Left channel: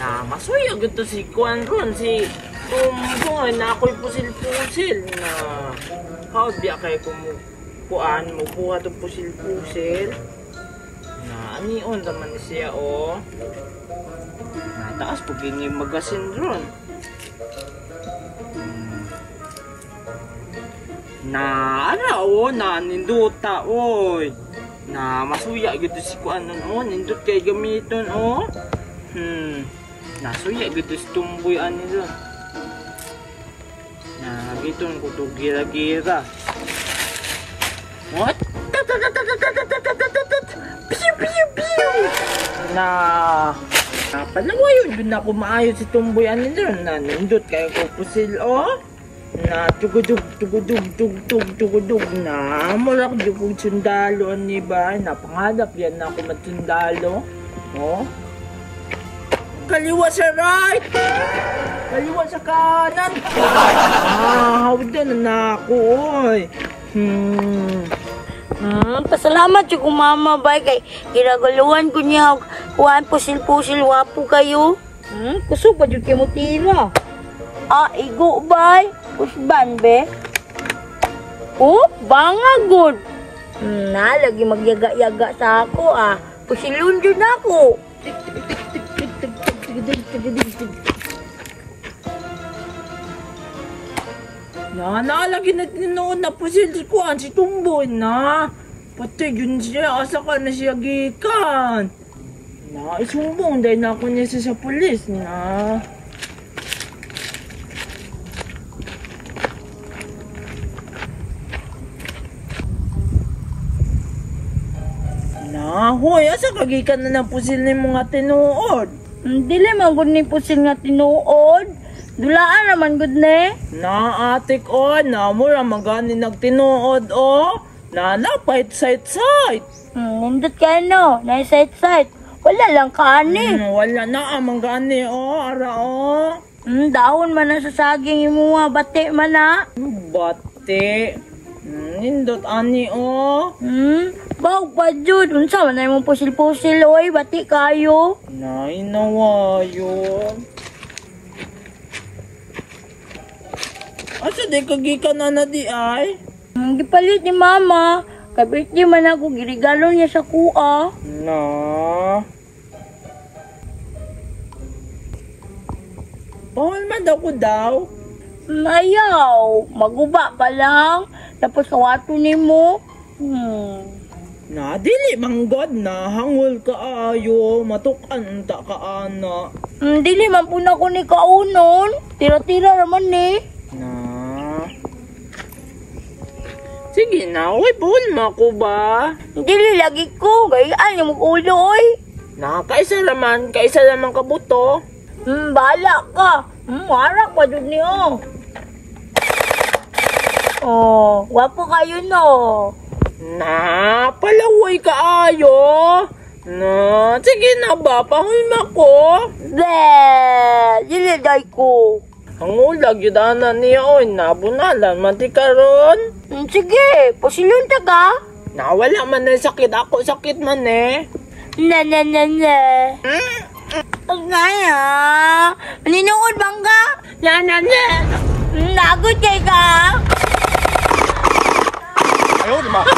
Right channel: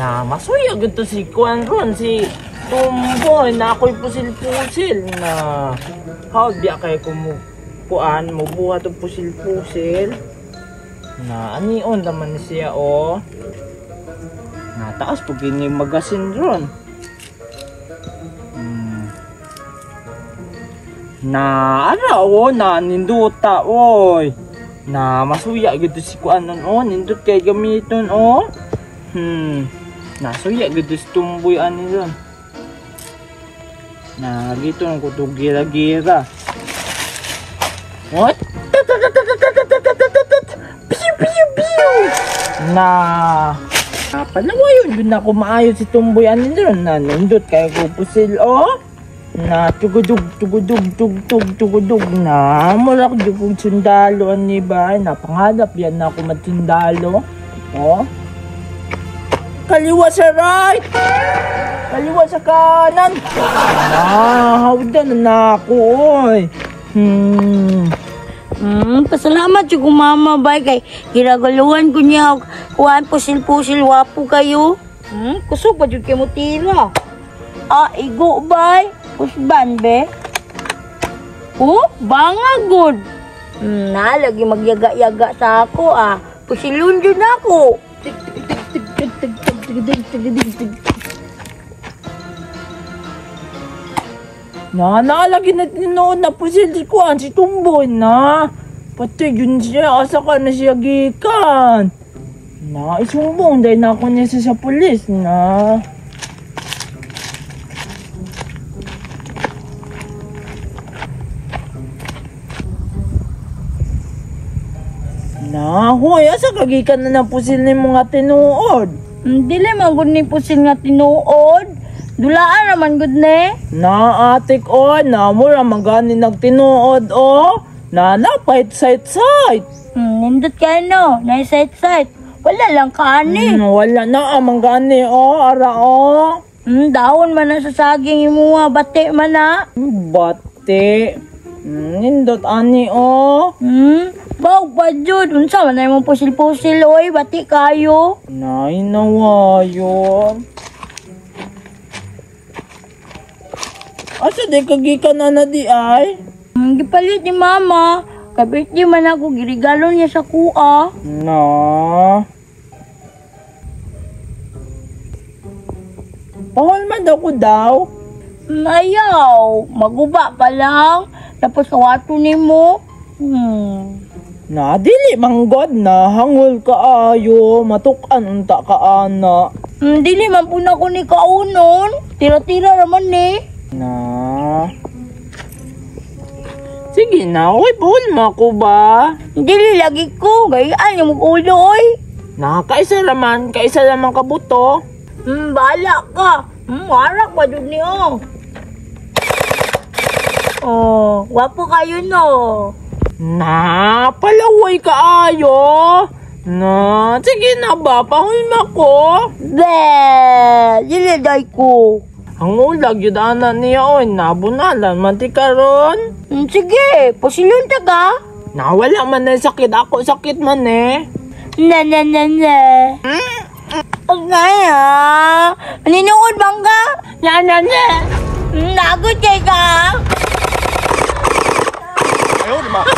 Na masuya gito si Kuan ron, si Tumboy na ako'y pusil-pusil na how di kay Kuan mo buhat og pusil-pusil na anion naman siya o nataas po gini magasin ron na ano o na ninduta oy na masuya gito si Kuan o nindut kay gamiton o nasuya gito si Tumboy ani ron na gito ng kutog gira-gira. What? Piu piu piu. Na palawa yun na ako maayo si Tumboy anin doon na nindot kaya ko pusil o na tugudug na mula ko jugog sundalo ani ba na pangadap yan na ako magsundalo o kaliwa sa right kaliwa sa kanan. Hawdan na ako, oy. Pasalamat yung mama, bay. Kay ginagaluhan ko niya. Kuhaan, pusil-pusil, wapo kayo. Kusog pa yung kimutira. Igo, bay. Pusban, be. Banga, good. Lagi magyaga-yaga sa ako, Pusilun dyan ako. Nalagi na tinoon na pusil si Kuan si Tumboy na pati yun siya asa ka na siya gikan na isumbong dahil na ako niya sa pulis na hoy asa kagikan na ng pusil ni mga tinuod dili man gud ni pusil nga tinuod dulaan naman gud ne. Na atik o, na mura magani nagtinuod o. Na napahit site. Nindot kayo no, na site. Wala lang kani. Wala na amang gani o, ara o. Dahon man na sa saging imuha, bati man na. Bati. Nindot ani o. Baw pa jud, unsa man na yung pusil-pusil oy, bati kayo. Nainawa yun. Asa di kagikan na di ay? Gipalit ni mama. Kabit di man ako girigalo niya sa kuha. No. Pahol man daw ko daw. Ayaw. Maguba pa lang. Tapos kawato ni mo. Na, dili manggod na. Hangul ka ayo. Matukan unta ka ana. Dili man po na ko ni kaunon. Tira-tira naman ni. Na. Sige na, oy, buhol mo ko ba? Dili lagi ko, gayaan yung ulo, oy. Na, kaisa naman kabuto. Bahala ka. Warak pa dun niyo. Wapo kayo no. Na, palaway ka ayo. Na, sige na ba, pahulma ko. Dili day ko. Ang ulag yun niya, oy, nabunalan, mantika ron. Sige, pasilun ta ka. Nawala man na sakit, ako sakit man eh. Na. Kaya, maninuod bang ka? Na. Nagot kay ka. Ayaw, di ma.